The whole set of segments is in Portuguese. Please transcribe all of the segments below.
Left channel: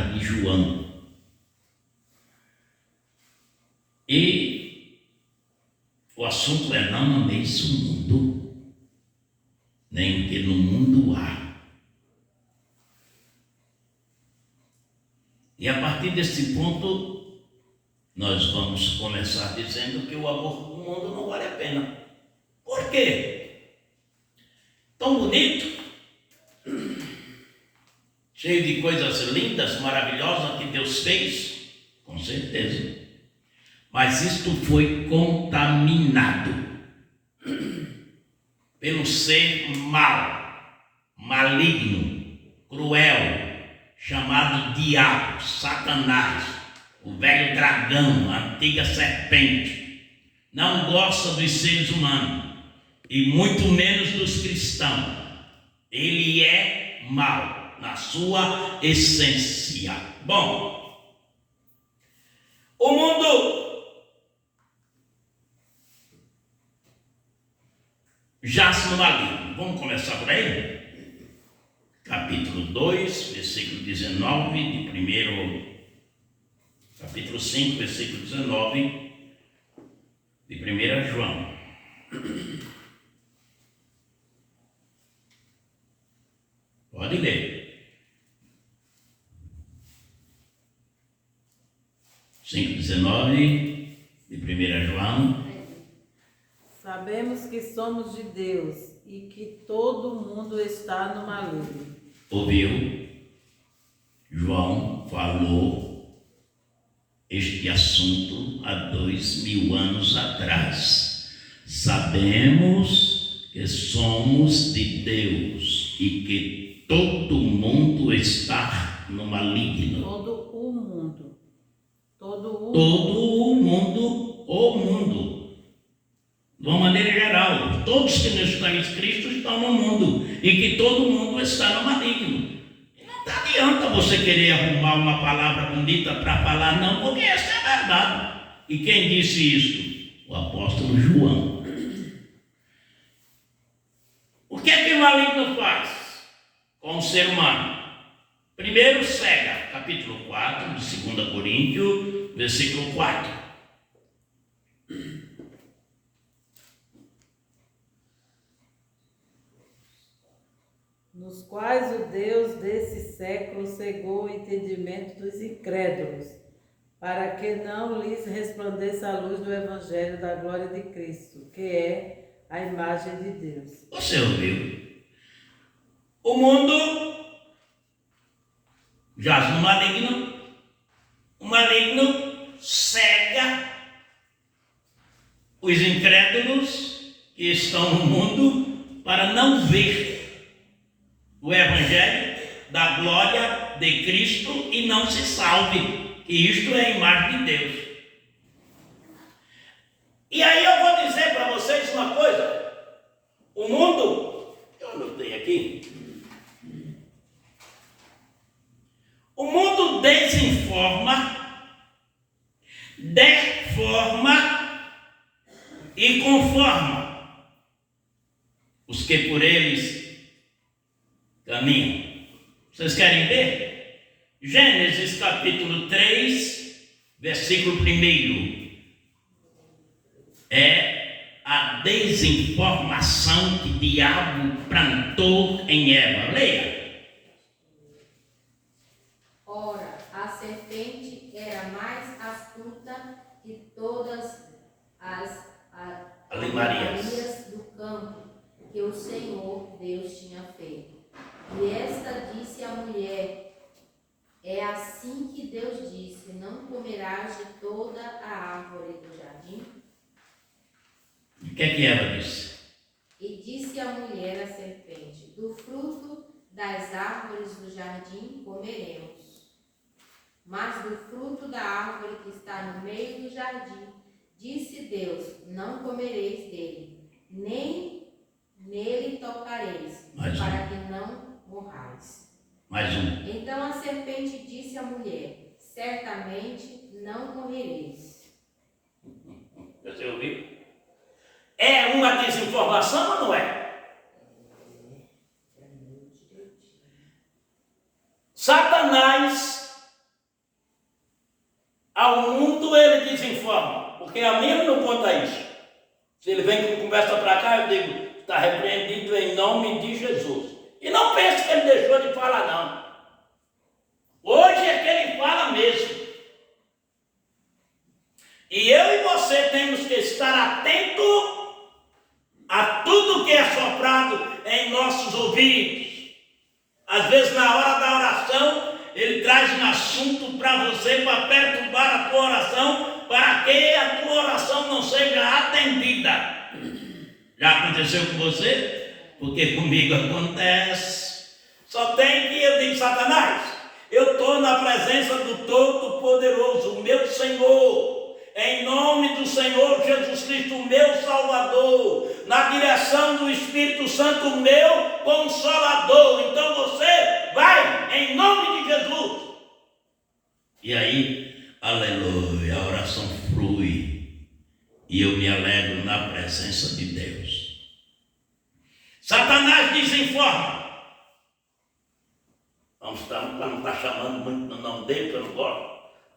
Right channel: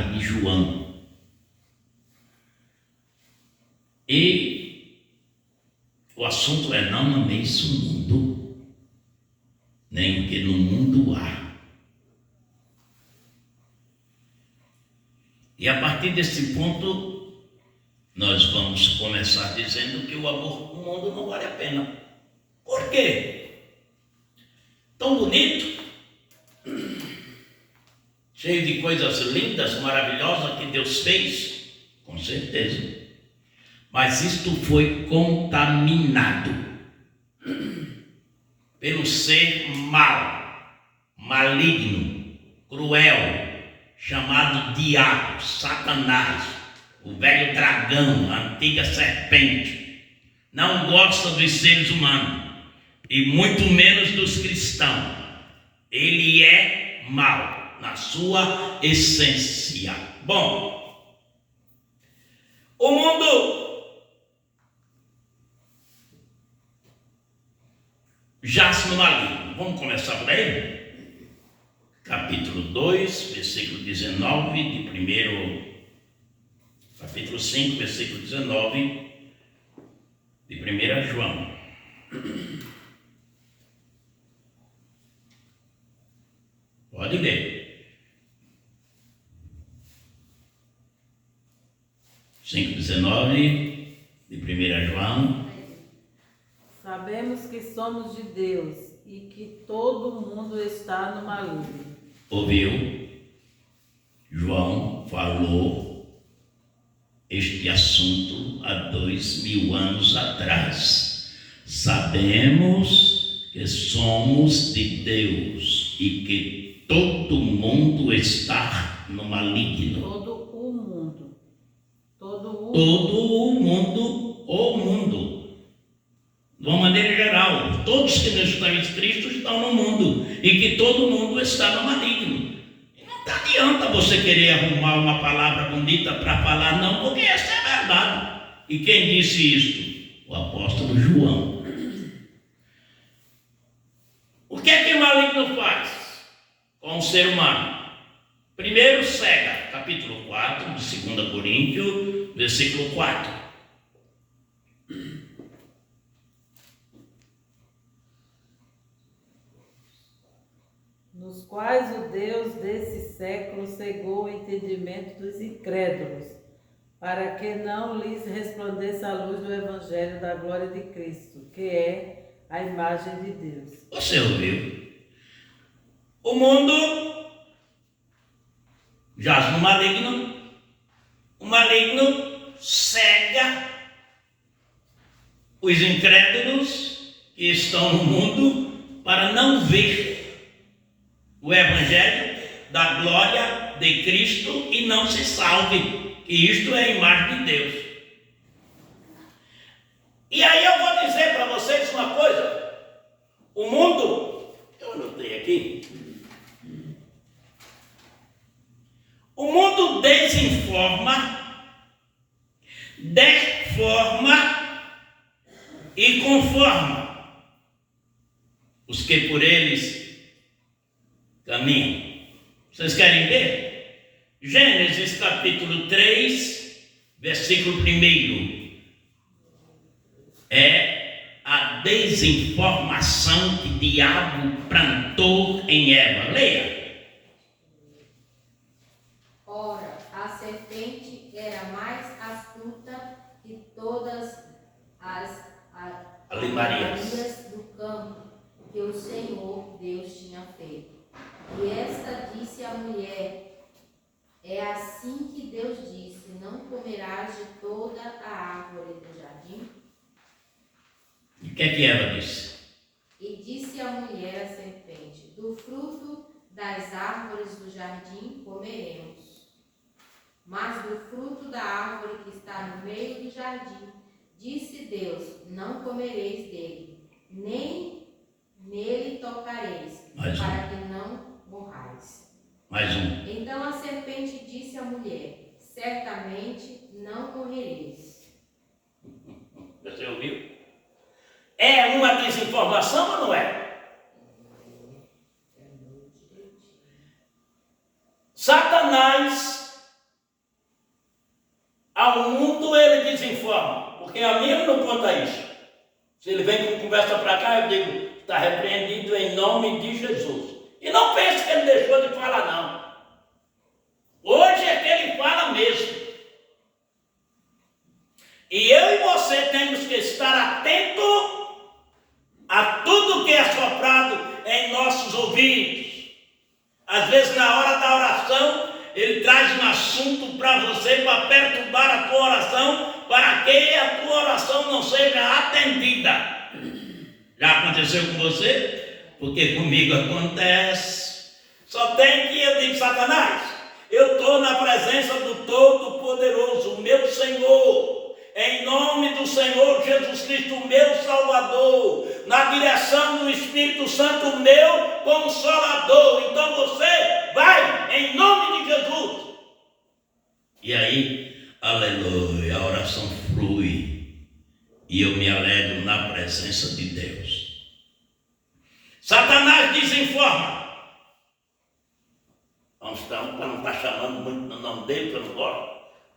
carta de João. E o assunto é: não ameis o mundo, nem o que no mundo há. E a partir desse ponto, nós vamos começar dizendo que o amor do mundo não vale a pena. Por quê? Tão bonito, cheio de coisas lindas, maravilosas que Deus fez, com certeza. Mas isto foi contaminado pelo ser mau, maligno, cruel, chamado diabo, Satanás, o velho dragão, a antiga serpente. Não gosta dos seres humanos e muito menos dos cristãos. Ele é mau na sua essência. Bom, o mundo jaz no maligno. Vamos começar por aí? Capítulo 2, versículo 19, capítulo 5, versículo 19, de 1 João. Pode ler. 5,19 de 1 João. Sabemos que somos de Deus e que todo mundo está no maligno. Ouviu? João falou este assunto há 2000 anos atrás. Sabemos que somos de Deus e que todo mundo está no maligno. Todo o mundo. O mundo. De uma maneira geral, todos que não estão em Cristo estão no mundo e que todo mundo está no maligno. E não adianta você querer arrumar uma palavra bonita para falar, não, porque essa é a verdade. E quem disse isto? O apóstolo João. O que é que o maligno faz com o ser humano? Primeiro, cega, capítulo 4, de 2 Coríntios, versículo 4. Nos quais o Deus desse século cegou o entendimento dos incrédulos, para que não lhes resplandeça a luz do Evangelho da glória de Cristo, que é a imagem de Deus. Você ouviu? O mundo jaz no maligno, o maligno cega os incrédulos que estão no mundo para não ver o Evangelho da glória de Cristo e não se salve. E isto é a imagem de Deus. E aí eu vou dizer para vocês uma coisa. O mundo, eu anotei aqui. O mundo desinforma, deforma e conforma os que por eles caminham. Vocês querem ver? Gênesis capítulo 3, versículo 1. É a desinformação que o diabo plantou em Eva. Leia. Ora, a serpente era mais astuta que todas as Alivarias do campo que o Senhor Deus tinha feito. E esta disse à mulher: é assim que Deus disse: não comerás de toda a árvore do jardim? E o que Eva disse? E disse a mulher à serpente: do fruto das árvores do jardim comeremos. Mas do fruto da árvore que está no meio do jardim, disse Deus: não comereis dele, nem nele tocareis, para que não morrais. Mais um. Então a serpente disse à mulher: certamente não morrereis. Você ouviu? É uma desinformação ou não é? Satanás Ao mundo ele desinforma, porque a mim não conta isso. Se ele vem com conversa para cá, eu digo, está repreendido em nome de Jesus. E não pense que ele deixou de falar, não. Hoje é que ele fala mesmo. E eu e você temos que estar atento a tudo que é soprado em nossos ouvidos. Às vezes, na hora da oração, ele traz um assunto para você, para perturbar a tua oração, para que a tua oração não seja atendida. Já aconteceu com você? Porque comigo acontece. Só tem que eu digo, Satanás, eu estou na presença do Todo-Poderoso, o meu Senhor. Em nome do Senhor Jesus Cristo, meu Salvador, na direção do Espírito Santo, meu Consolador. Então você vai em nome de Jesus. E aí, aleluia, a oração flui e eu me alegro na presença de Deus. Satanás desinforma. Não está chamando muito no nome dele, que eu não gosto.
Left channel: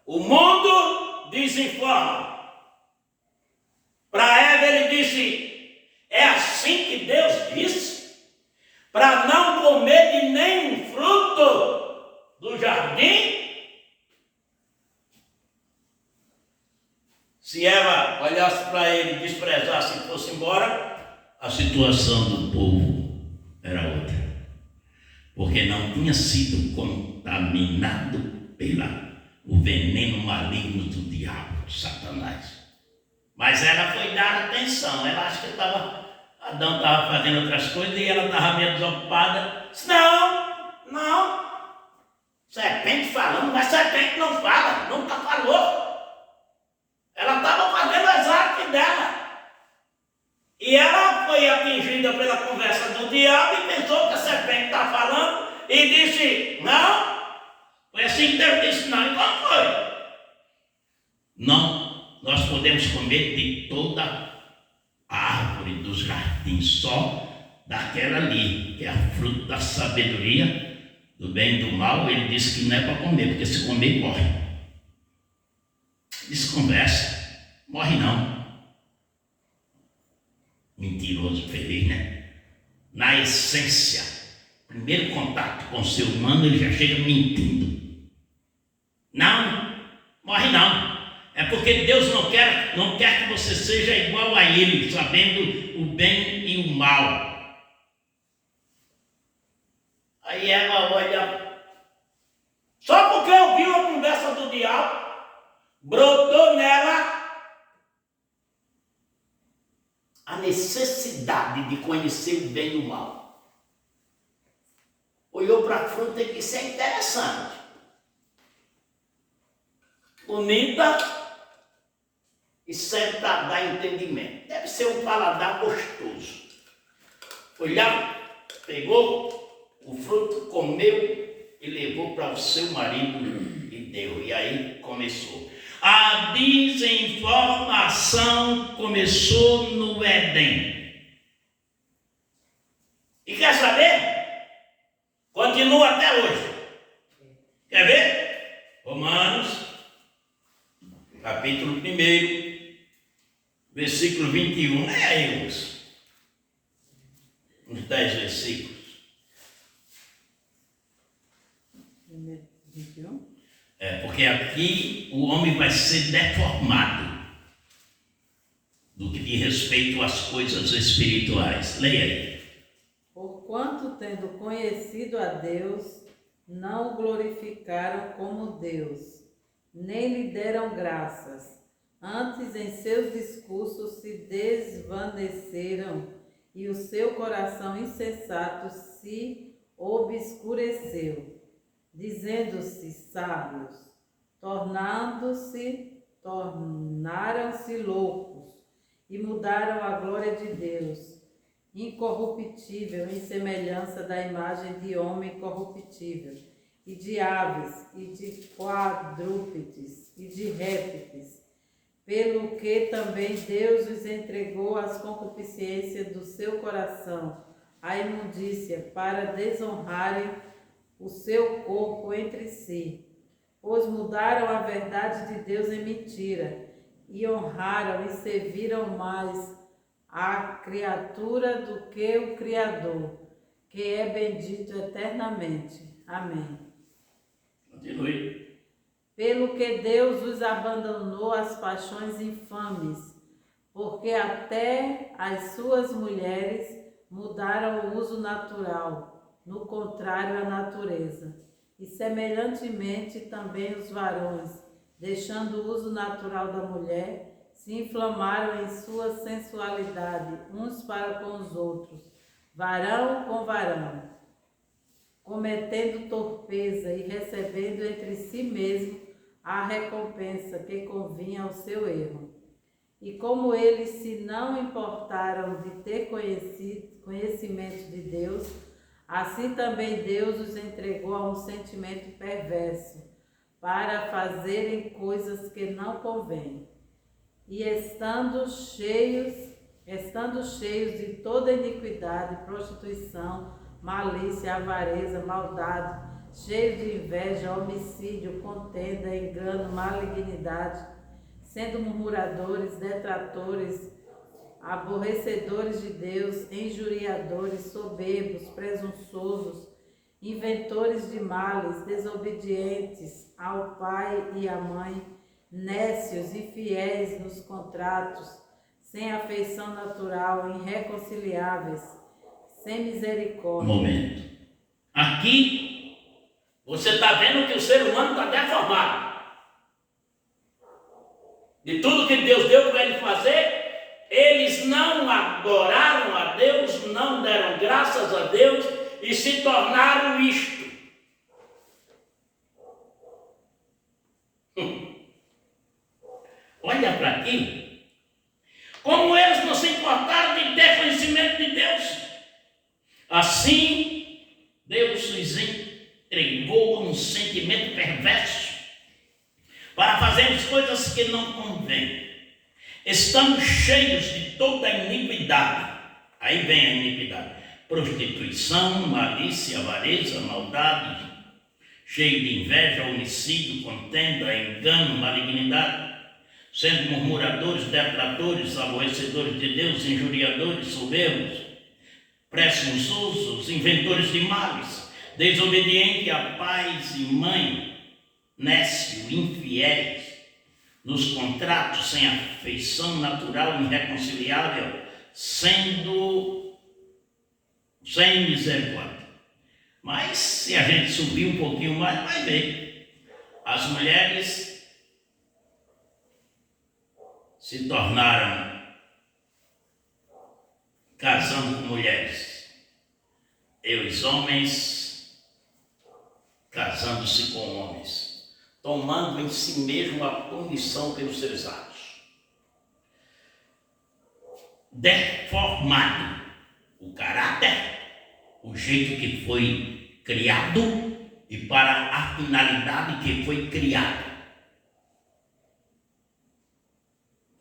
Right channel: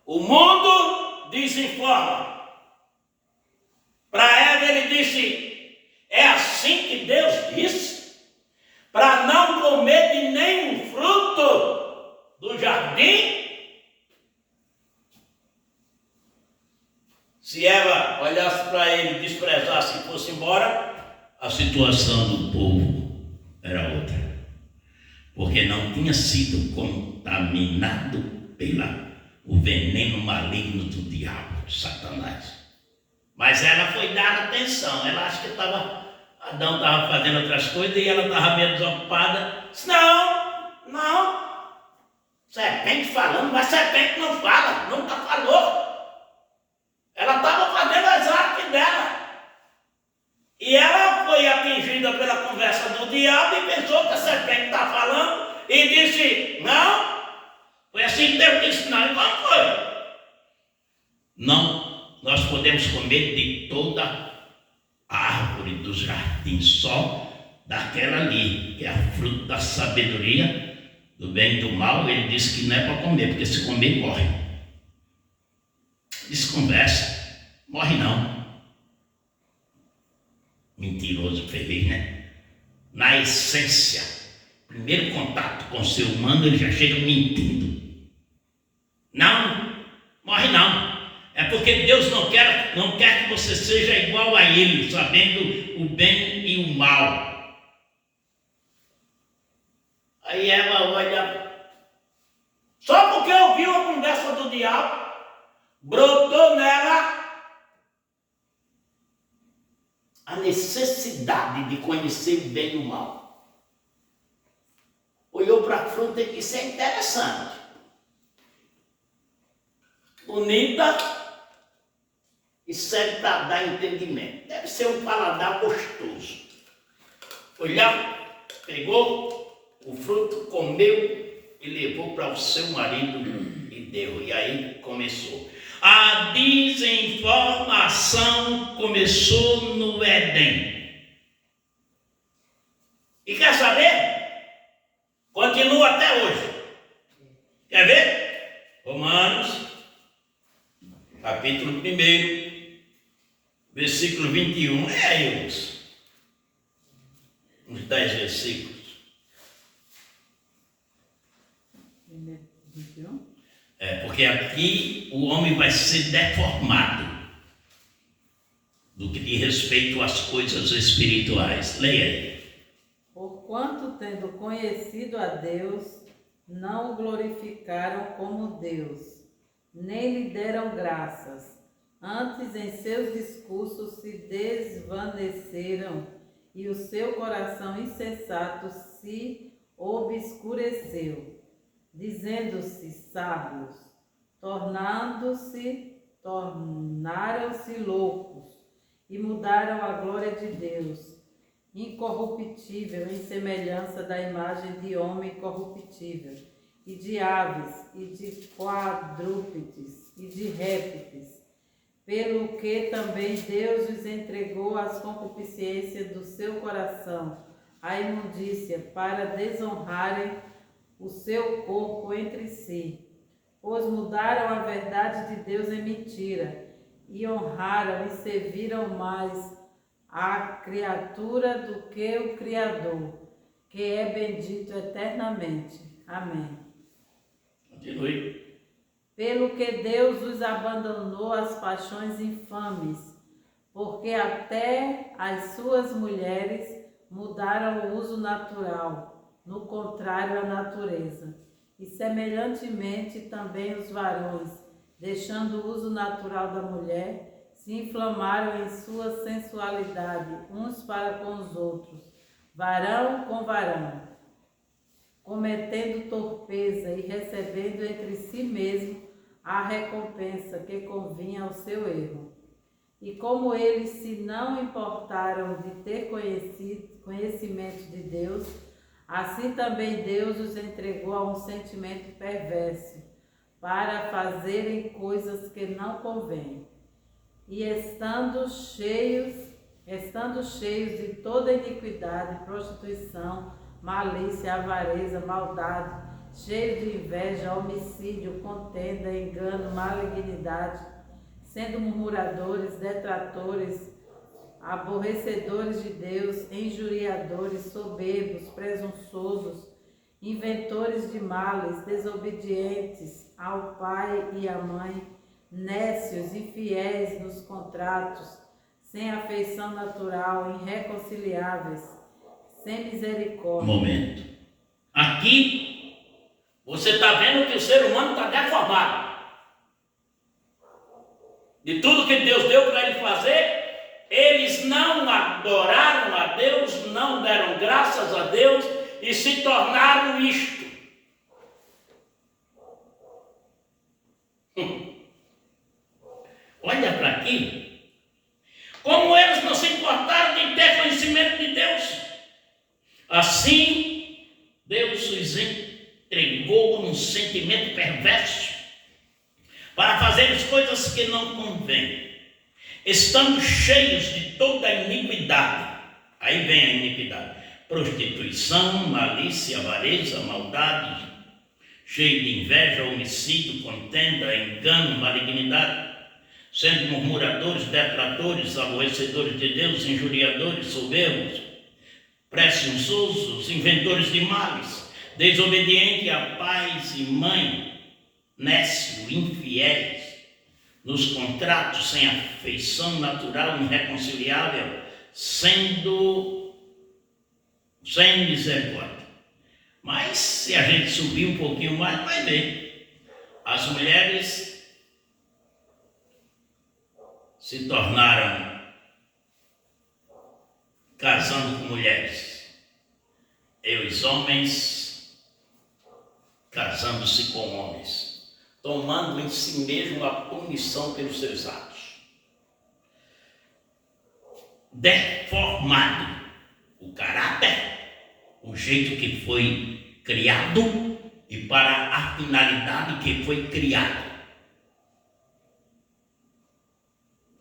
O mundo desinforma. Para Eva ele disse, é assim que Deus disse, para não comer de nenhum fruto do jardim. Se Eva olhasse para ele, desprezasse e fosse embora, a situação do povo era outra. Porque não tinha sido contaminado o veneno maligno do diabo, Satanás. Mas ela foi dar atenção. Ela acha que Adão estava fazendo outras coisas e ela estava meio desocupada. Disse, não. Serpente falando, mas serpente não fala, nunca falou. Ela estava fazendo as artes dela. E ela foi atingida pela conversa do diabo e pensou que a serpente estava falando e disse, não. Foi assim que Deus disse, não, e qual foi? Não, nós podemos comer de toda a árvore dos jardins, só daquela ali, que é a fruto da sabedoria, do bem e do mal. Ele disse que não é para comer, porque se comer, morre. Desconversa, morre não. Mentiroso, feliz, né? Na essência, primeiro contato com o ser humano, ele já chega mentindo. Não, morre não. É porque Deus não quer que você seja igual a Ele, sabendo o bem e o mal. Aí ela olha, só porque ouviu a conversa do diabo, brotou nela a necessidade de conhecer o bem e o mal. Olhou para a fruta e disse, é interessante. Bonita e serve para dar entendimento. Deve ser um paladar gostoso. Olhou, pegou o fruto, comeu e levou para o seu marido e deu. E aí começou. A desinformação começou no Éden. E quer saber? Continua até hoje. Quer ver? Romanos, capítulo 1, versículo 21. É aí, uns 10 versículos. 21. Porque aqui o homem vai ser deformado do que diz respeito às coisas espirituais. Leia aí. Porquanto, tendo conhecido a Deus, não o glorificaram como Deus, nem lhe deram graças. Antes, em seus discursos se desvaneceram, e o seu coração insensato se obscureceu, dizendo-se sábios, tornaram-se loucos, e mudaram a glória de Deus, incorruptível, em semelhança da imagem de homem corruptível, e de aves, e de quadrúpedes, e de répteis, pelo que também Deus os entregou às concupiscências do seu coração, à imundícia, para desonrarem o seu corpo entre si, pois mudaram a verdade de Deus em mentira, e honraram e serviram mais a criatura do que o Criador, que é bendito eternamente. Amém. Continue. Pelo que Deus os abandonou às paixões infames, porque até as suas mulheres mudaram o uso natural, no contrário à natureza. E semelhantemente também os varões, deixando o uso natural da mulher, se inflamaram em sua sensualidade, uns para com os outros, varão com varão, cometendo torpeza e recebendo entre si mesmo a recompensa que convinha ao seu erro. E como eles se não importaram de ter conhecimento de Deus, assim também Deus os entregou a um sentimento perverso, para fazerem coisas que não convêm. E estando cheios de toda iniquidade, prostituição, malícia, avareza, maldade, cheios de inveja, homicídio, contenda, engano, malignidade, sendo murmuradores, detratores, aborrecedores de Deus, injuriadores, soberbos, presunçosos, inventores de males, desobedientes ao pai e à mãe, nécios, infiéis nos contratos, sem afeição natural, irreconciliáveis, sem misericórdia. Momento. Aqui, você está vendo que o ser humano está deformado. De tudo que Deus deu para ele fazer, eles não adoraram a Deus, não deram graças a Deus e se tornaram isto. Olha para aqui. Como eles não se importaram de ter conhecimento de Deus, assim Deus os entregou a um sentimento perverso para fazerem coisas que não convêm, estando cheios de toda a iniquidade. Aí vem a iniquidade: prostituição, malícia, avareza, maldade, cheio de inveja, homicídio, contenda, engano, malignidade, sendo murmuradores, detratores, aborrecedores de Deus, injuriadores, soberbos, presunçosos, inventores de males, desobedientes a pais e mãe, nécio, infiéis, nos contratos, sem afeição natural, irreconciliável, sendo sem misericórdia. Mas se a gente subir um pouquinho mais, vai ver. As mulheres se tornaram casando com mulheres, e os homens casando-se com homens, tomando em si mesmo a punição pelos seus atos. Deformado o caráter, o jeito que foi criado e para a finalidade que foi criado.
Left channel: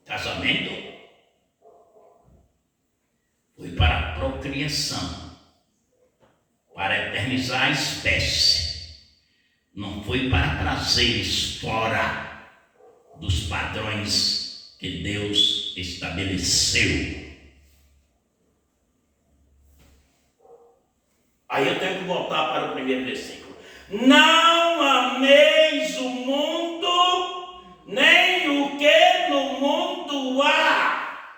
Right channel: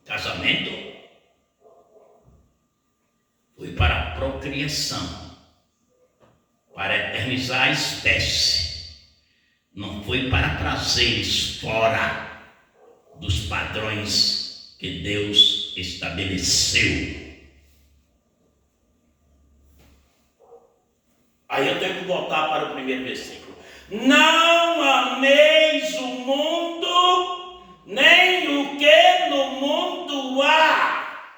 Casamento foi para a procriação, para eternizar a espécie. Não foi para trazer fora dos padrões que Deus estabeleceu. Aí eu tenho que voltar para o primeiro versículo. Não ameis o mundo, nem o que no mundo há.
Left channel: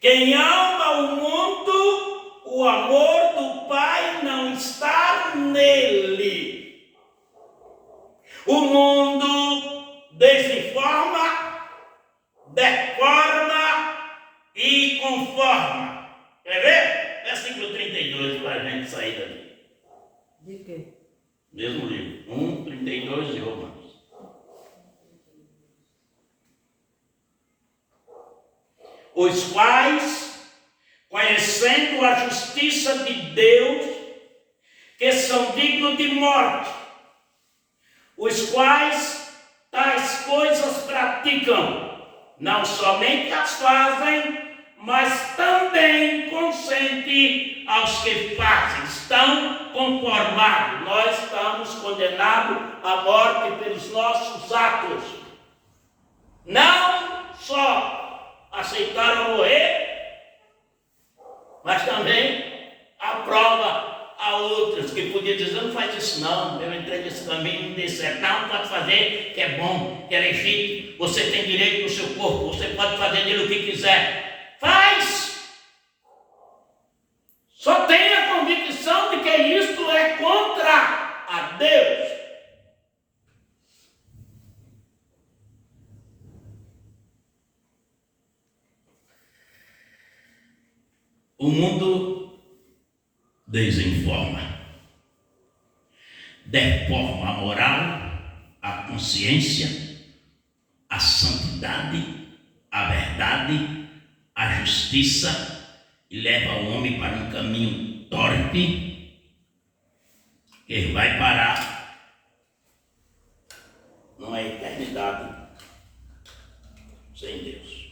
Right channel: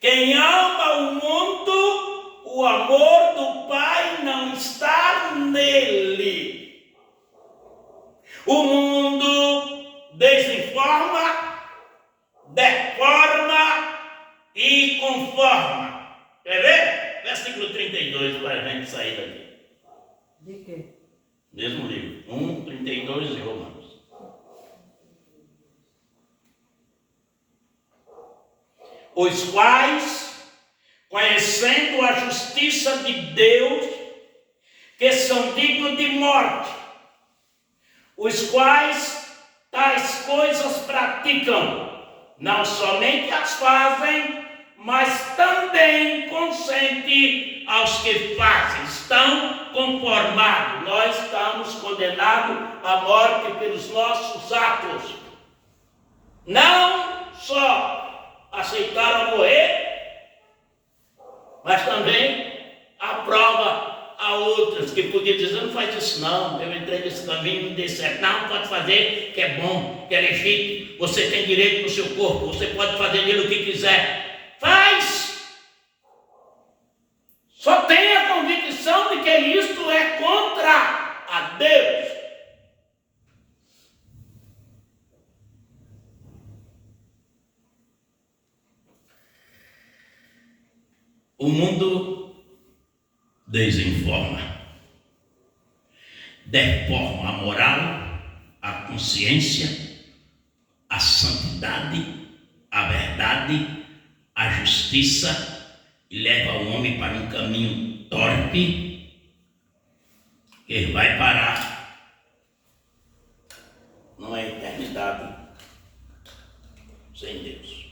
Quem ama o mundo, o amor do Pai não está nele. O mundo desinforma, deforma e conforma. Quer ver? Versículo 32, para a gente sair daqui. De quê? Mesmo livro, 1, 32 de Romanos. Os quais, conhecendo a justiça de Deus, que são dignos de morte, os quais tais coisas praticam, não somente as fazem, mas também consente aos que fazem. Estão conformados. Nós estamos condenados à morte pelos nossos atos. Não só aceitaram morrer, mas também aprova a outras que podiam dizer: não faz isso não, eu entrei nesse caminho, não deu certo. Não, pode fazer, que é bom, que é legítimo, você tem direito no seu corpo, você pode fazer nele o que quiser. Faz! Só tenha a convicção de que isto é contra a Deus. O mundo desinforma, deforma a moral, a consciência, a santidade, a verdade, a justiça e leva o homem para um caminho torpe que ele vai parar numa eternidade sem Deus.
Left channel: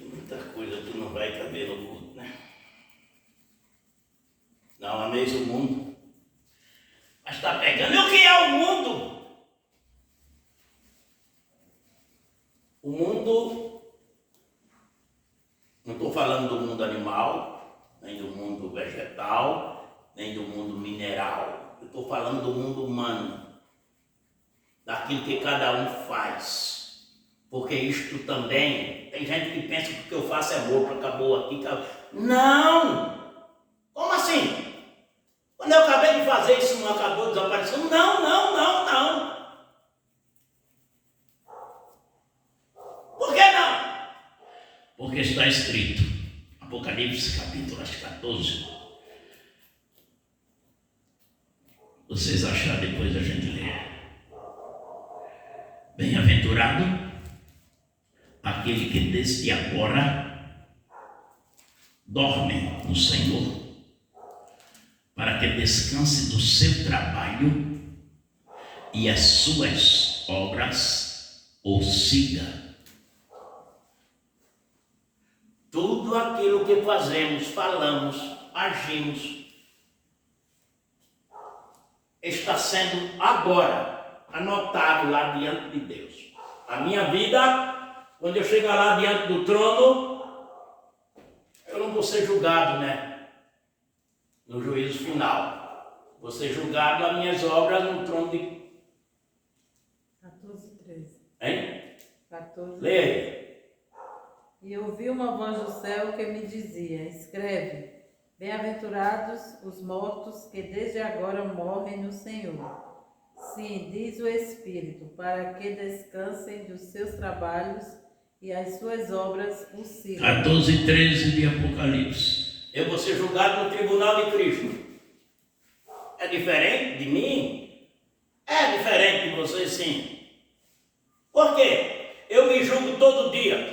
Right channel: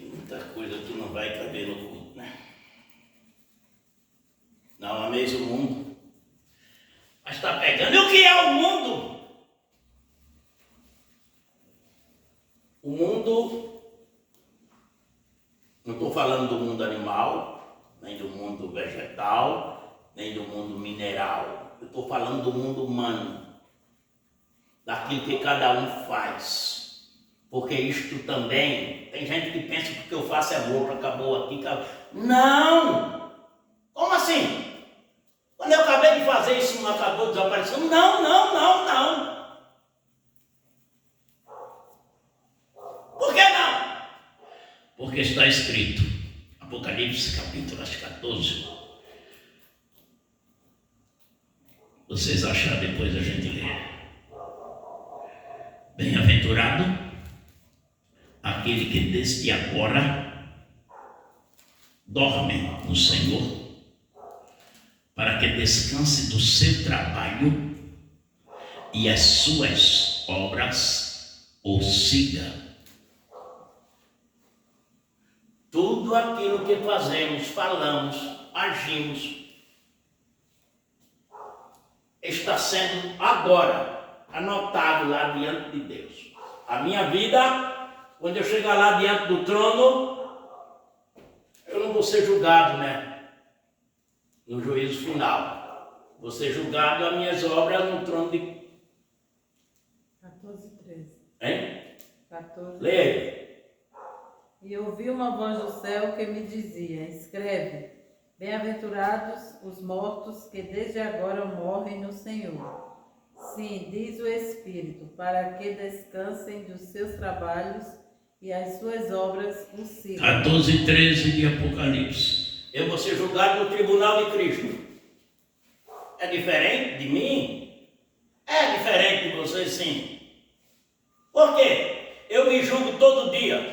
Muita coisa tu não vai caber no culto, né? Não ameis o mundo, mas está pegando. E o que é o mundo? O mundo, não estou falando do mundo animal, nem do mundo vegetal, nem do mundo mineral. Eu estou falando do mundo humano, daquilo que cada um faz. Porque isto também, tem gente que pensa que o que eu faço é morto, acabou aqui, acabou. Não! Como assim? Quando eu acabei de fazer isso, não acabou, desapareceu? Não, não, não, não. Por que não? Porque está escrito, Apocalipse capítulo 14. Vocês acharam depois da gente ler. Bem-aventurado aquele que desde agora dorme no Senhor, para que descanse do seu trabalho e as suas obras o siga. Tudo aquilo que fazemos, falamos, agimos, está sendo agora anotado lá diante de Deus. A minha vida, quando eu chegar lá diante do trono, eu não vou ser julgado, né? No juízo final. Vou ser julgado as minhas obras no trono de... 14:13. Hein? 14. Leia. E ouvi uma voz do céu que me dizia: escreve, bem-aventurados os mortos que desde agora morrem no Senhor. Sim, diz o Espírito, para que descansem dos seus trabalhos e as suas obras o sigam. 14:13 de Apocalipse. Eu vou ser julgado no tribunal de Cristo. É diferente de mim? É diferente de você, sim. Por quê? Eu me julgo todo dia.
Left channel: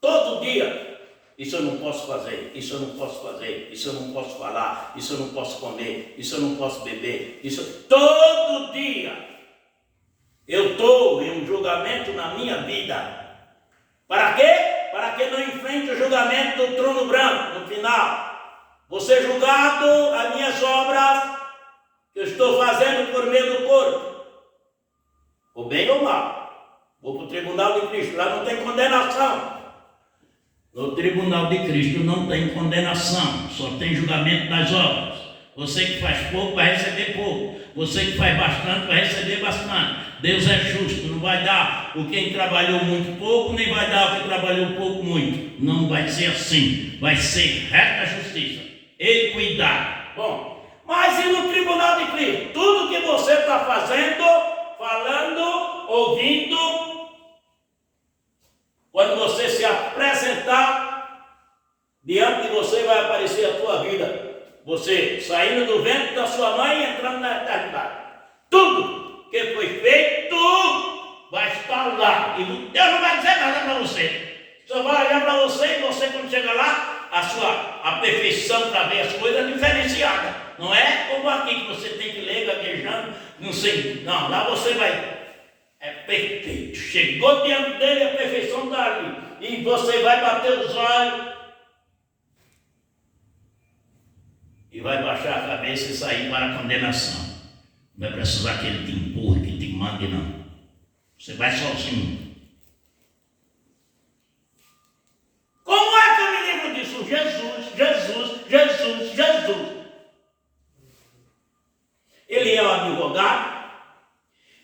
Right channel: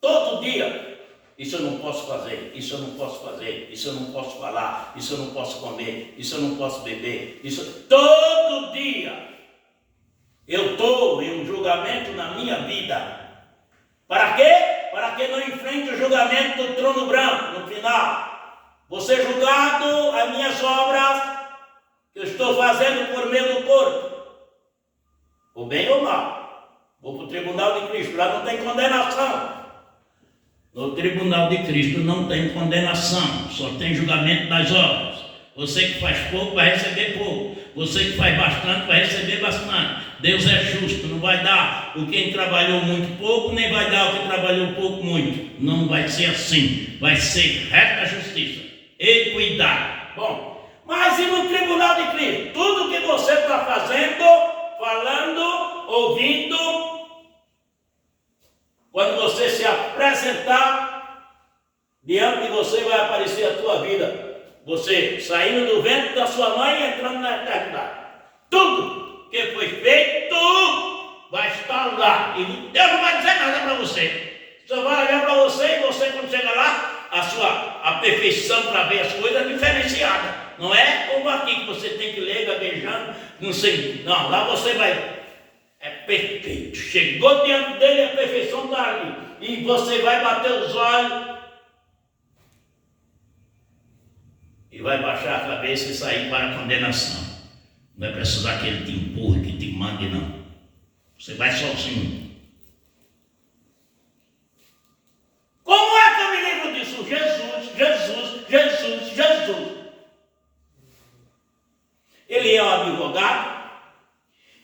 Todo dia. Isso eu não posso fazer, isso eu não posso fazer, isso eu não posso falar, isso eu não posso comer, isso eu não posso beber, isso... Todo dia eu estou em um julgamento na minha vida. Para quê? Para que não enfrente o julgamento do trono branco no final. Vou ser julgado as minhas obras que eu estou fazendo por meio do corpo. Ou bem ou mal. Vou para o tribunal de Cristo, lá não tem condenação. No tribunal de Cristo não tem condenação, só tem julgamento das obras. Você que faz pouco vai receber pouco, você que faz bastante vai receber bastante. Deus é justo, não vai dar o quem trabalhou muito pouco, nem vai dar o que trabalhou pouco muito. Não vai ser assim, vai ser reta justiça, equidade. Bom, mas e no tribunal de Cristo? Tudo que você está fazendo, falando, ouvindo, quando você se apresentar, diante de você vai aparecer a tua vida. Você saindo do ventre da sua mãe e entrando na eternidade. Tudo que foi feito vai estar lá. E Deus não vai dizer nada para você. Só vai olhar para você e você, quando chegar lá, a a perfeição para ver as coisas diferenciadas. Não é como aqui que você tem que ler gaguejando, não sei. Não, lá você vai. É perfeito. Chegou diante dele, a perfeição está ali. E você vai bater os olhos e vai baixar a cabeça e sair para a condenação. Não vai precisar que ele te empurre, que te mande, não. Você vai sozinho. Como é que eu me lembro disso? Jesus, Jesus, Jesus, Jesus. Ele é o advogado,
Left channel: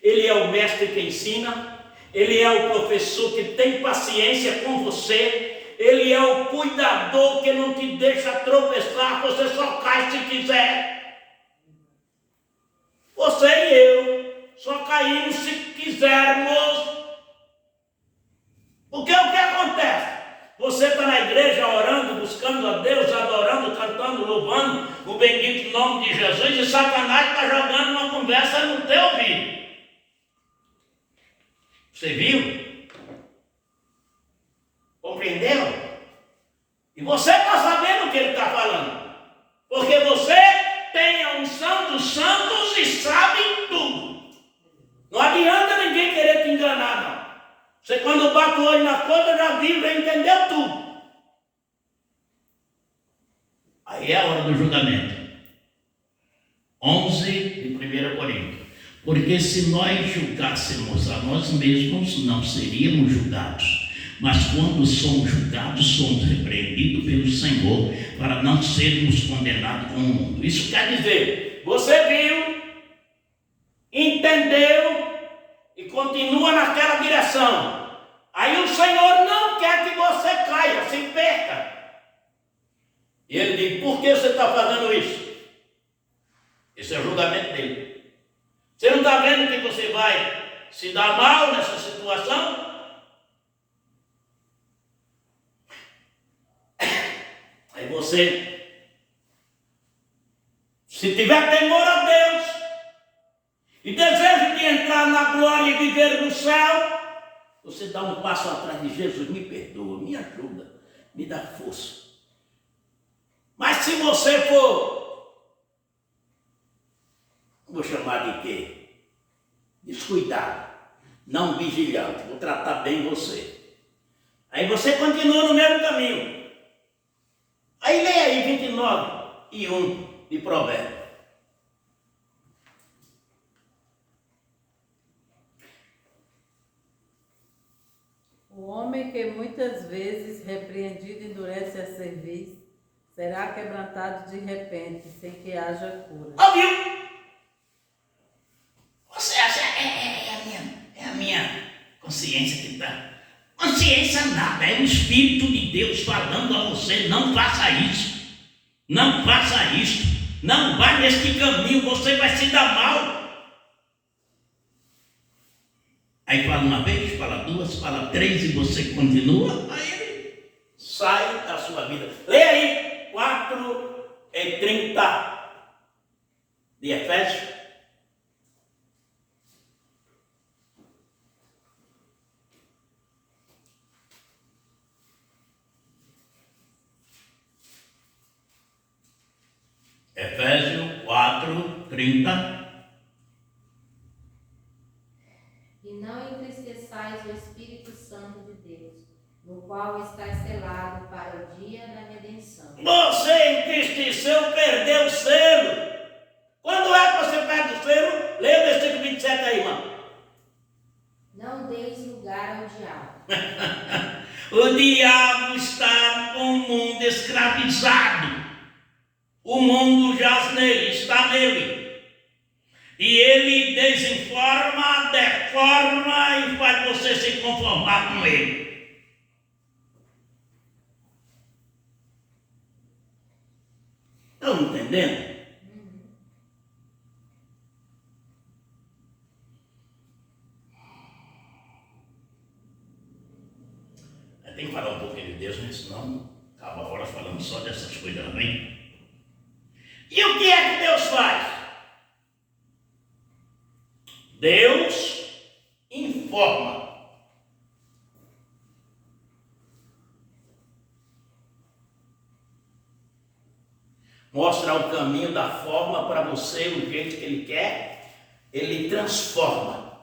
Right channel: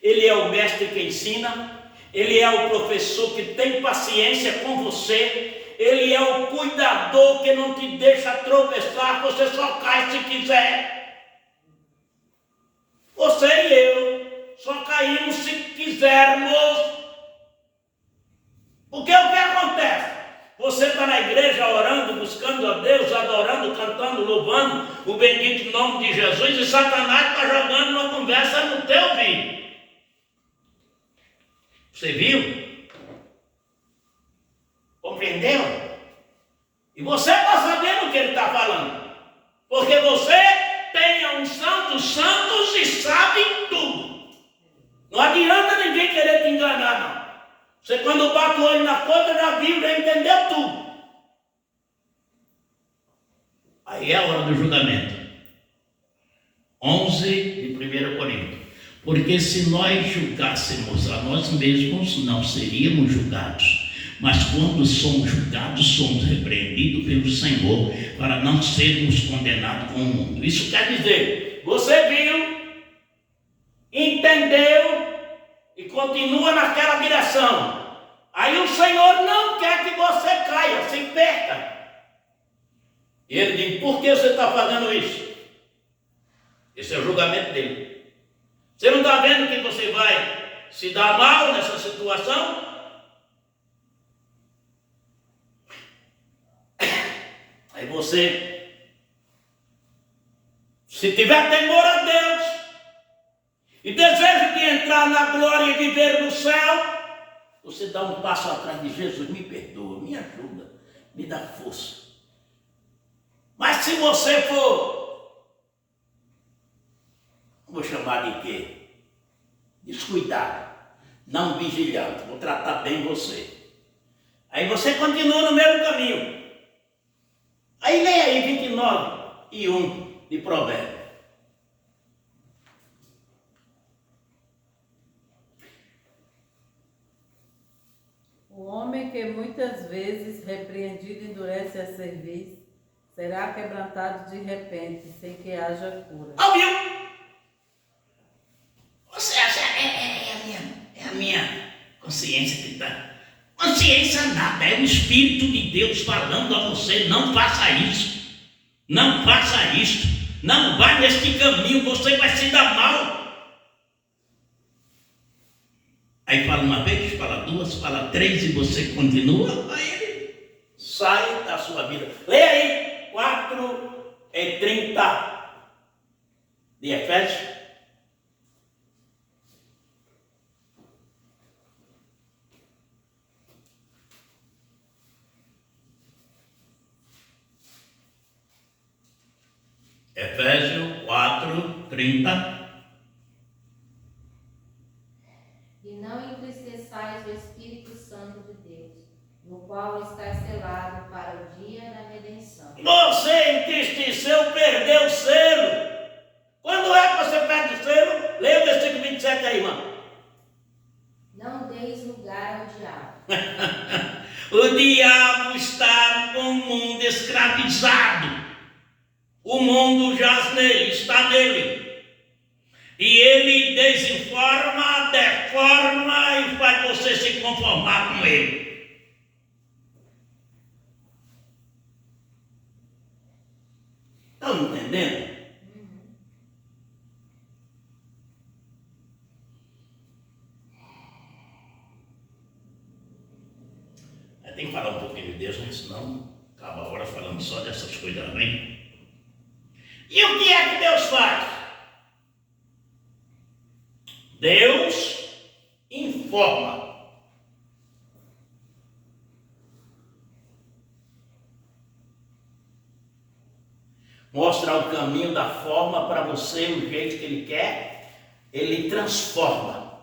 ele é o mestre que ensina, ele é o professor que tem paciência com você, ele é o cuidador que não te deixa tropeçar, você só cai se quiser. Você e eu só caímos se quisermos. Porque o que acontece? Você está na igreja orando, buscando a Deus, adorando, cantando, louvando o bendito nome de Jesus, e Satanás está jogando uma conversa no teu ouvido. Você viu? Compreendeu? E você está sabendo o que ele está falando. Porque você tem a unção dos santos e sabe tudo. Não adianta ninguém querer te enganar, não. Você quando bate o olho na conta já viu, já entendeu tudo. Aí é a hora do julgamento. 11 de 1 Coríntios. Porque se nós julgássemos a nós mesmos, não seríamos julgados. Mas quando somos julgados, somos repreendidos pelo Senhor, para não sermos condenados com o mundo. Isso quer dizer, você viu, entendeu e continua naquela direção. Aí o Senhor não quer que você caia, se perca. E ele diz, por que você está fazendo isso? Esse é o julgamento dele. Você não está vendo que você vai se dar mal nessa situação? Aí você, se tiver temor a Deus e desejo de entrar na glória e viver no céu, você dá um passo atrás de Jesus, me perdoa, me ajuda, me dá força. Mas se você for, vou chamar de quê? Descuidado, não vigilante, vou tratar bem você. Aí você continua no mesmo caminho. Aí leia aí 29 e 1 de Provérbios. O homem que muitas vezes repreendido endurece a cerviz, será quebrantado de repente, sem que haja cura. Ouviu? Você acha é a minha consciência que está. Consciência nada, é o Espírito de Deus falando a você, não faça isso. Não faça isso. Não vá neste caminho, você vai se dar mal. Aí fala uma vez, fala duas, fala três e você continua, aí ele sai da sua vida. Leia aí, 4:30 de Efésios. Efésios 4:30. E não entristeçais o Espírito Santo de Deus, no qual está selado para o dia da redenção. Você entristeceu, perdeu o selo. Quando é que você perde o selo? Leia o versículo 27 aí, irmão. Não deis lugar ao diabo. O diabo está com o mundo escravizado. O mundo jaz nele, está nele. E ele desinforma, deforma e faz você se conformar com ele. Estão entendendo? Tem que falar um pouquinho de Deus, né? Senão acaba a hora falando só dessas coisas, amém? E o que é que Deus faz? Deus informa. mostra o caminho da forma para você, o jeito que Ele quer, Ele transforma.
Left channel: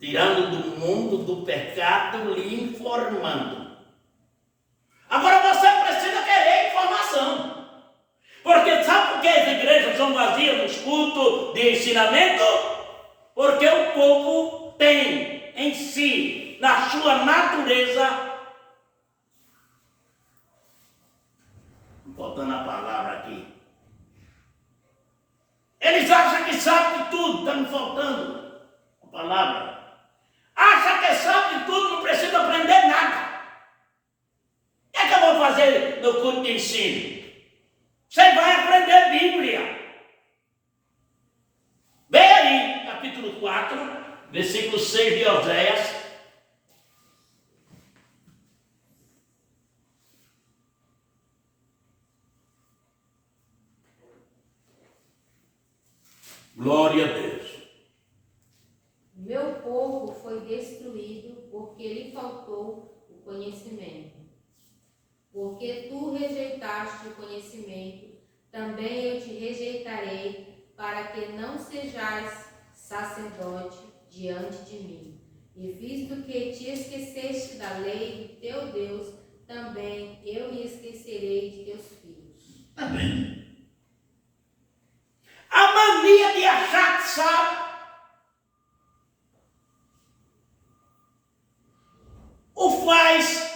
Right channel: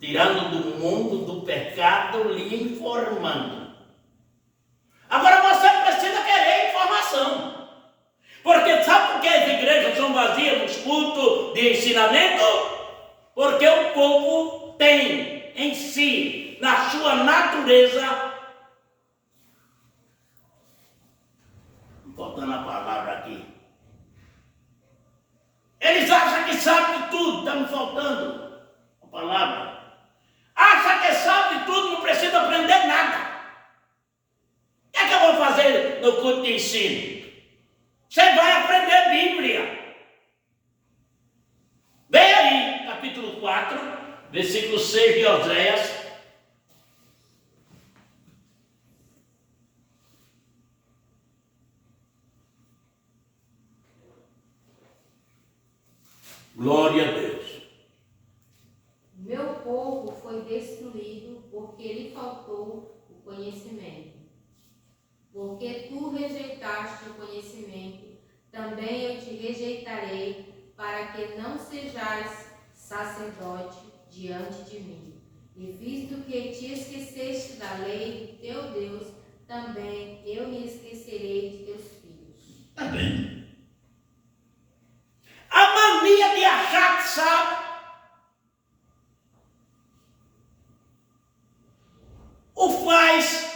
Tirando do mundo do pecado, lhe informando. Agora você precisa querer informação. Porque sabe por que as igrejas são vazias nos cultos de ensinamento? Porque o povo tem em si, na sua natureza, voltando a palavra aqui, eles acham que sabem de tudo, está me faltando a palavra. Acha que sabe de tudo, não precisa aprender nada. O que é que eu vou fazer no culto de ensino? Você vai aprender Bíblia. Vem aí, capítulo 4, versículo 6 de Oséias. Glória a Deus. Meu povo foi destruído porque lhe faltou o conhecimento. Porque tu rejeitaste o conhecimento, também eu te rejeitarei, para que não sejais sacerdote diante de mim. E visto que te esqueceste da lei do teu Deus, também eu me esquecerei de teus filhos. Está vendo? A mania de achar que sabe. O faz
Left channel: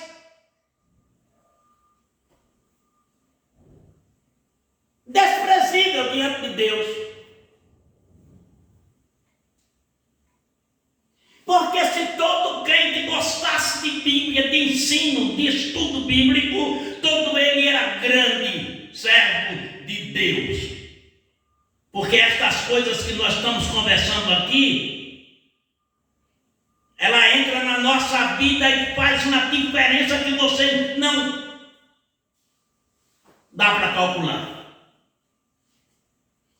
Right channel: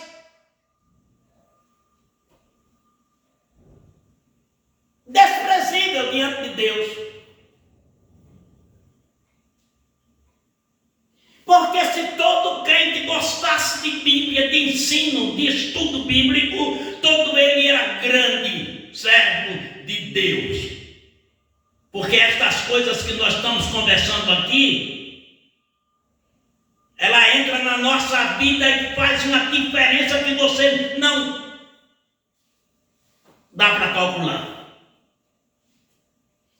desprezível diante de Deus. Porque se todo crente gostasse de Bíblia, de ensino, de estudo bíblico, todo ele era grande servo de Deus. Porque estas coisas que nós estamos conversando aqui, ela entra na nossa vida e faz uma diferença que você não dá para calcular.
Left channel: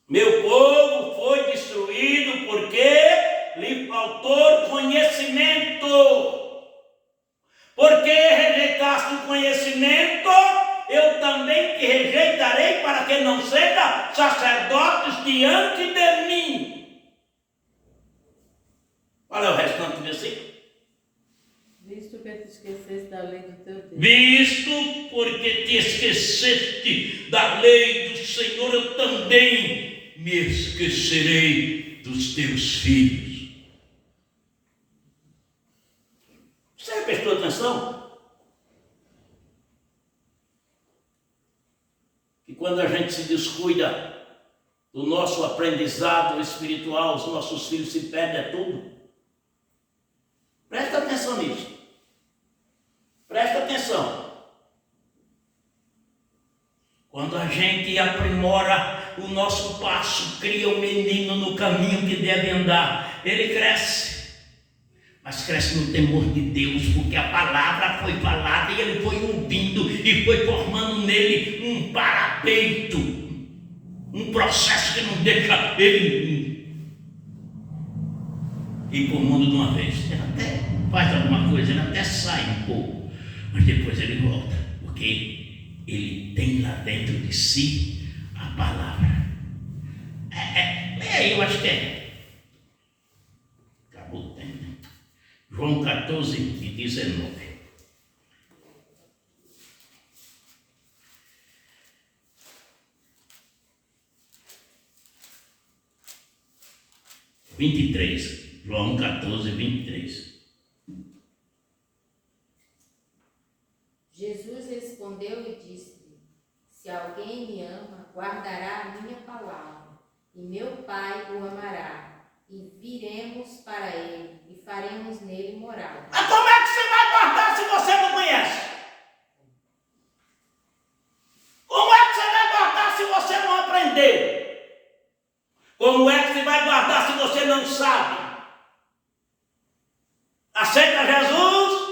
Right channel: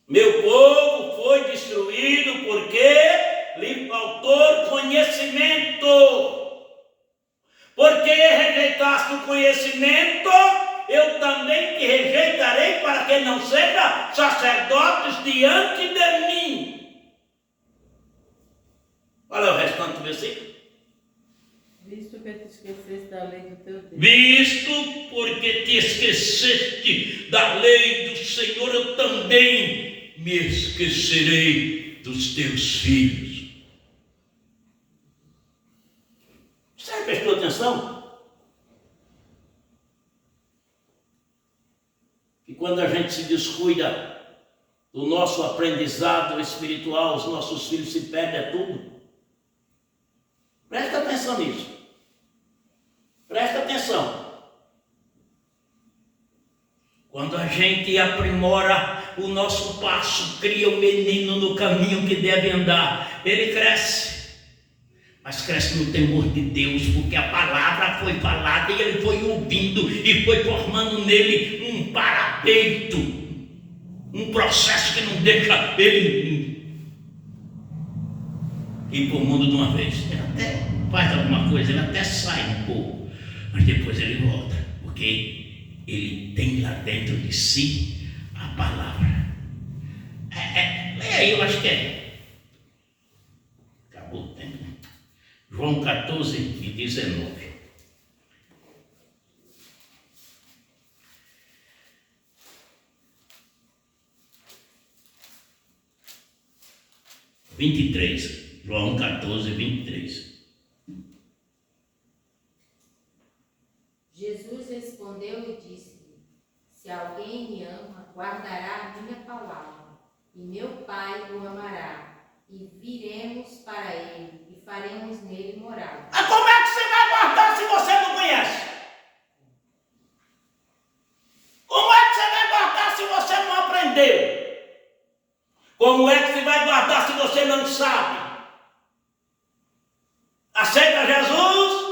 Meu povo foi destruído porque lhe faltou conhecimento. Porque rejeitaste o conhecimento, eu também te rejeitarei, para que não seja sacerdotes diante de mim. Olha o restante do versículo. Visto que te esqueceste da lei do teu Deus. Visto porque te esqueceste da lei do Senhor, eu também me esquecerei dos teus filhos. Você prestou atenção? Que quando a gente se descuida do nosso aprendizado espiritual, os nossos filhos se perdem a tudo. Presta atenção nisso. Presta atenção. Quando a gente aprimora o nosso passo, cria o menino no caminho que deve andar, ele cresce. Mas cresce no temor de Deus, porque a palavra foi falada e ele foi ouvindo e foi formando nele um parapeito, um processo que não deixa ele ir para o mundo de uma vez. Ele até faz alguma coisa, ele até sai um pouco, mas depois ele volta, porque ele tem lá dentro de si a palavra. Leia aí, eu acho que acabou o tempo, né? João 14 e 19. João 14, 23. Jesus respondeu e disse-lhe: Se alguém me ama, guardará a minha palavra, e meu Pai o amará, e viremos para ele, e faremos nele morada. Mas como é que você vai guardar se você não conhece? Como é que você vai guardar se você não aprendeu? Como é que você vai guardar se você não sabe? Aceita Jesus,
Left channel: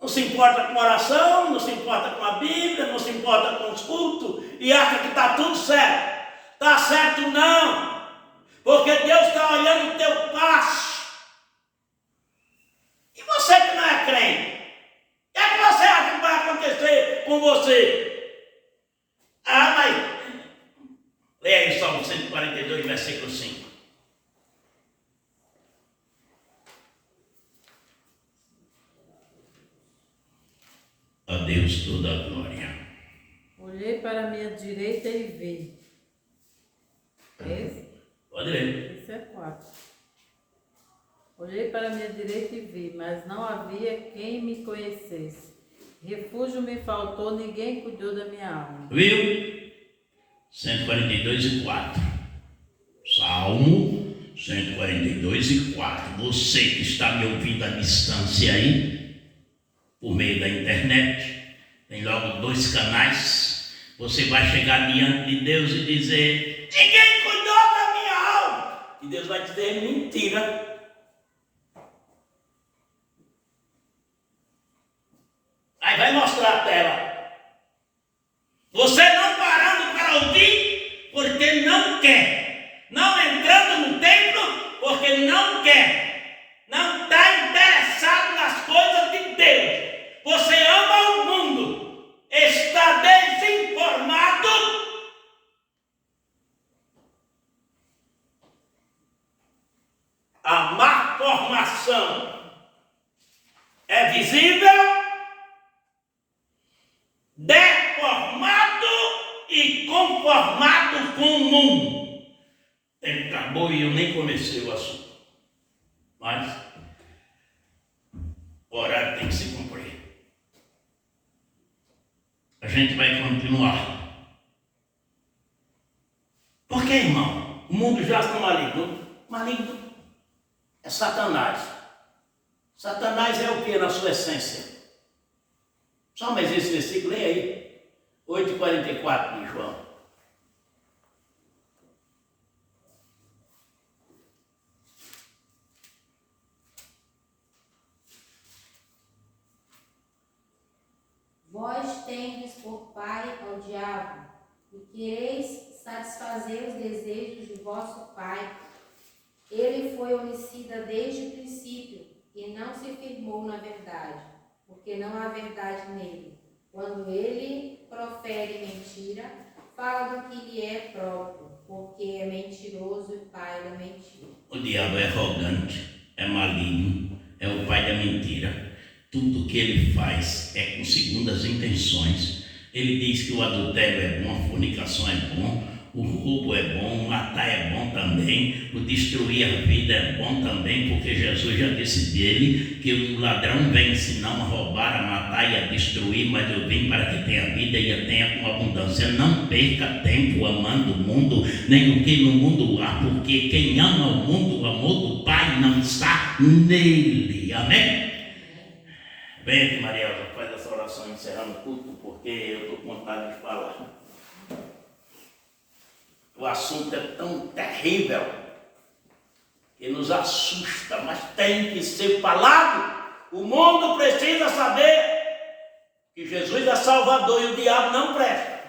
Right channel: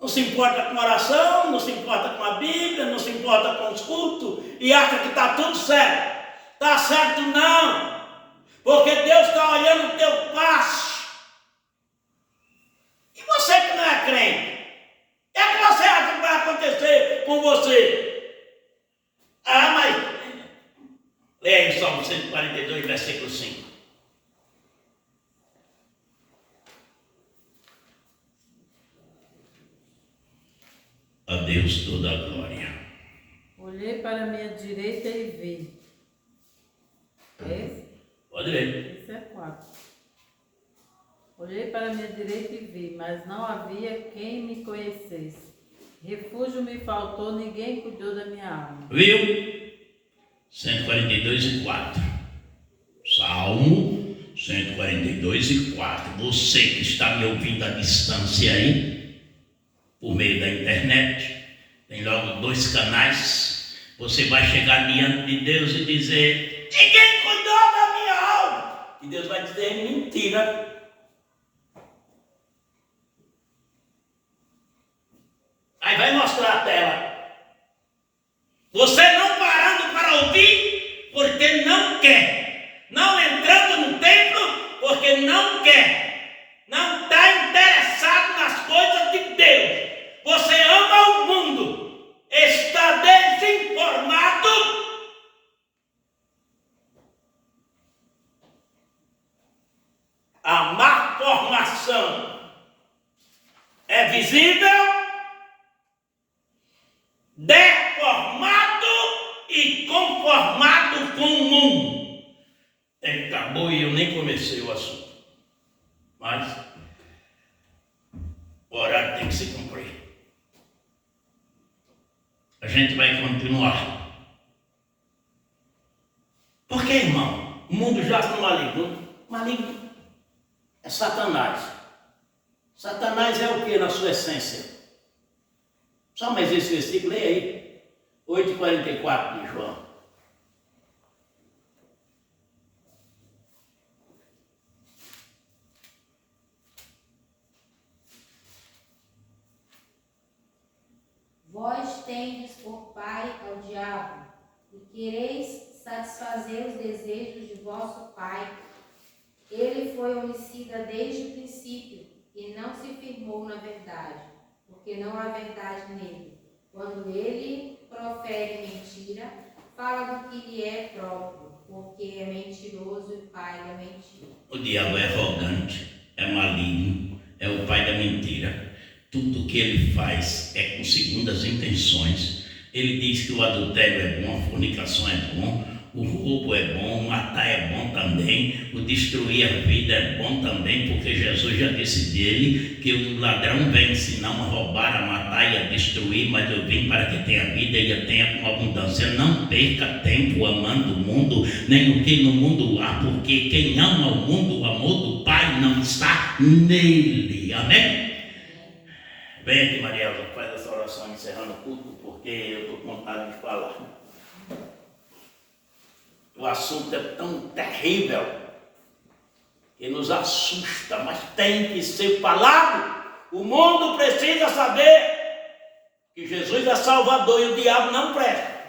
não se importa com oração, não se importa com a Bíblia, não se importa com os cultos e acha que está tudo certo. Está certo não, porque Deus está olhando o teu passo. E você que não é crente, o que é que você acha que vai acontecer com você. Ah, mas... Leia aí Salmo 142, versículo 5. A Deus toda a glória. Olhei para a minha direita e vi. Esse? Pode ler. Esse é 4. Olhei para a minha direita e vi, mas não havia quem me conhecesse. Refúgio me faltou, ninguém cuidou da minha alma. Viu? 142 e 4. Salmo 142 e 4. Você que está me ouvindo à distância aí, por meio da internet, tem logo 2 canais. Você vai chegar diante de Deus e dizer: ninguém cuidou da minha alma. E Deus vai dizer: mentira. Aí vai mostrar a tela. Você não parando para ouvir, porque não quer. Não entrando no templo, porque não quer. Não está interessado nas coisas de Deus. Você ama o mundo. Está desinformado. A má formação é visível, deformado e conformado com o mundo. Ele acabou e eu nem comecei o assunto. Mas o horário tem que se cumprir. A gente vai continuar. Por que, irmão? O mundo já está maligno. Maligno é Satanás. Satanás é o que na sua essência? Só mais esse versículo, leia aí. 8:44 de João. Vós tendes por pai ao diabo, e quereis satisfazer os desejos de vosso pai. Ele foi homicida desde o princípio, e não se firmou na verdade, porque não há verdade nele. Quando ele profere mentira, fala do que lhe é próprio, porque é mentiroso e pai da mentira. O diabo é arrogante, é maligno, é o pai da mentira. Tudo que ele faz é com segundas intenções. Ele diz que o adultério é bom, a fornicação é bom, o roubo é bom, o matar é bom também, o destruir a vida é bom também, porque Jesus já disse dele que o ladrão vem senão a roubar, a matar e a destruir, mas eu vim para que tenha vida e a tenha com abundância. Não perca tempo amando o mundo, nem o que no mundo há, porque quem ama o mundo, o amor do Pai não está nele. Amém? Vem aqui, Mariela, faz essa oração encerrando o culto, porque eu estou com vontade de falar. O assunto é tão terrível que nos assusta, mas tem que ser falado. O mundo precisa saber que Jesus é Salvador e o diabo não presta.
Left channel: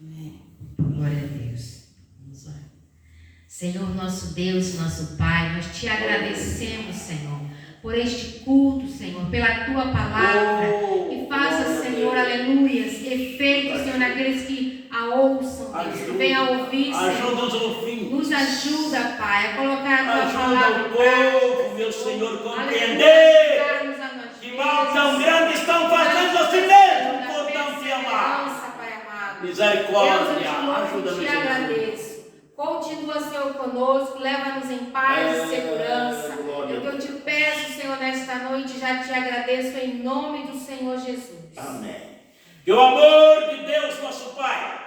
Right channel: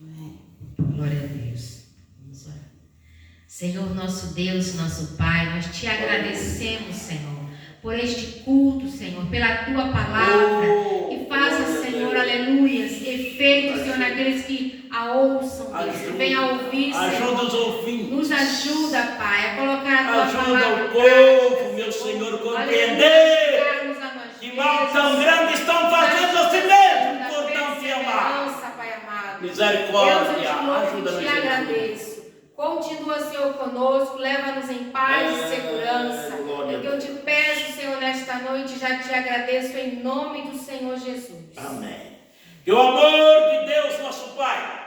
Amém. Glória a Deus. Vamos orar. Senhor, nosso Deus, nosso Pai, nós te agradecemos, Senhor, por este culto, Senhor, pela tua palavra, que faça, Senhor, aleluias, efeito, Senhor, naqueles que a ouçam, Deus, que venham a ouvir, Senhor. Ajuda os ouvintes. Nos ajuda, Pai, a colocar a tua palavra. Ajuda o povo, meu Senhor, compreender que mal tão grande estão fazendo a si mesmo, por não te amar. Misericórdia, ajuda-nos. Eu te agradeço. Continua, Senhor, conosco, leva-nos em paz e segurança. É que eu te peço, Senhor, nesta noite, já te agradeço em nome do Senhor Jesus. Amém. Que o amor de Deus, nosso Pai,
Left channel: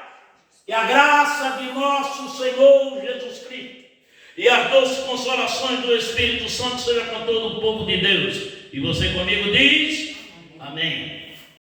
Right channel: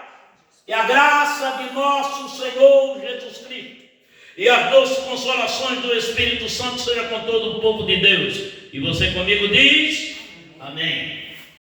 e a graça de nosso Senhor Jesus Cristo, e as doces consolações do Espírito Santo seja com todo o povo de Deus. E você comigo diz: amém.